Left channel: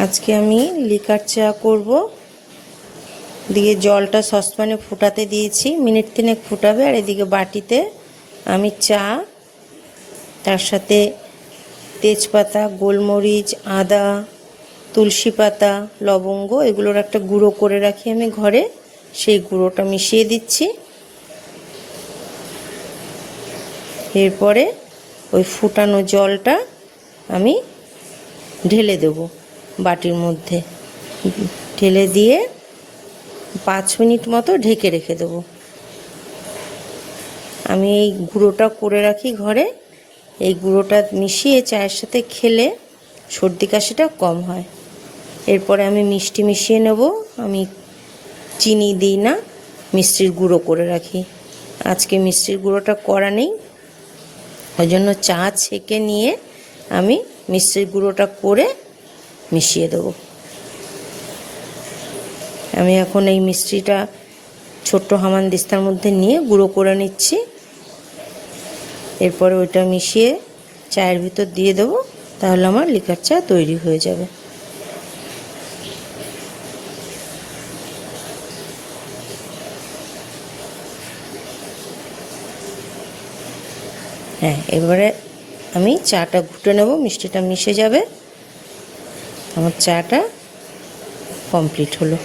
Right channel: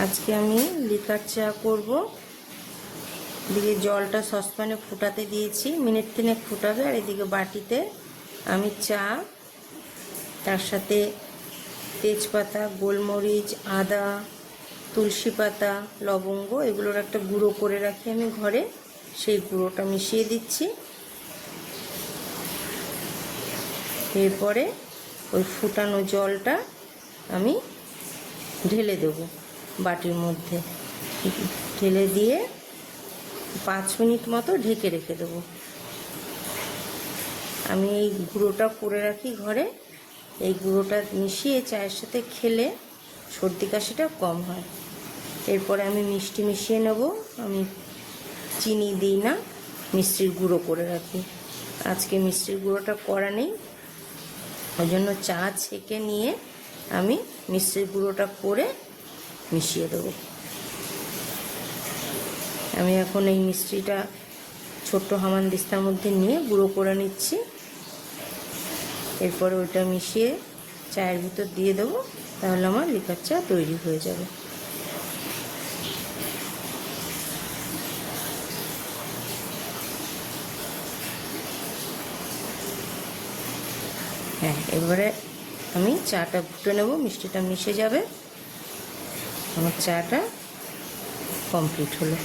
আজকে আমি লিকার চা করব। দিয়ে জলটা সসপ্যানে ফুটাতে দিয়েছি, মিনিট 3 ফুটাবে। আর এদিকে বাটিতে আমি চা, তার সাথে তেজপাতা, গোলমরিচ, আদা, তুলসী পাতা, লবঙ্গ এগুলোর একটা গুঁড়ো করে রাখি আমি ঘরে, সেই গুঁড়োটা মিশিয়ে দিচ্ছি। এরপরে ওই ফুটানো জলটা আমি ঢেলে দেব বাটির মধ্যে। ঢেলে দিয়ে 5 মিনিট মতো ঢেকে রেখে দেব। আমি এই গুঁড়োটা করে রাখি ঘরে। এই গুঁড়োটা মিশিয়ে চায়ের সাথে খেলে সর্দি কাশিটা কম হয়। এরপরে আমি মিষ্টি মিশিয়ে নেব। আমি চিনি দিই না, মিষ্টির গুঁড়ো করে রাখি। আজকে মিষ্টির গুঁড়োটা করা নেই, ওই জন্য চা ছেঁকে নিয়ে আমি মিষ্টির গুঁড়োটা করে মিশিয়ে দেবো। আমি এখন এই মিষ্টিটা ছোট্ট হামানদিস্তার মধ্যে নিয়ে গুঁড়ো করে নিচ্ছি। এরপরে ওইটা মিশিয়ে চায়ের ভিতর দিয়ে দেবো, তাহলে আমার লিকার চা তৈরি হয়ে যাবে। হ্যাঁ, এবারে আমি চাটা ঘুটে নেব, মিষ্টিটা মিশে যাবে, আমার চাটা কমপ্লিট হলো।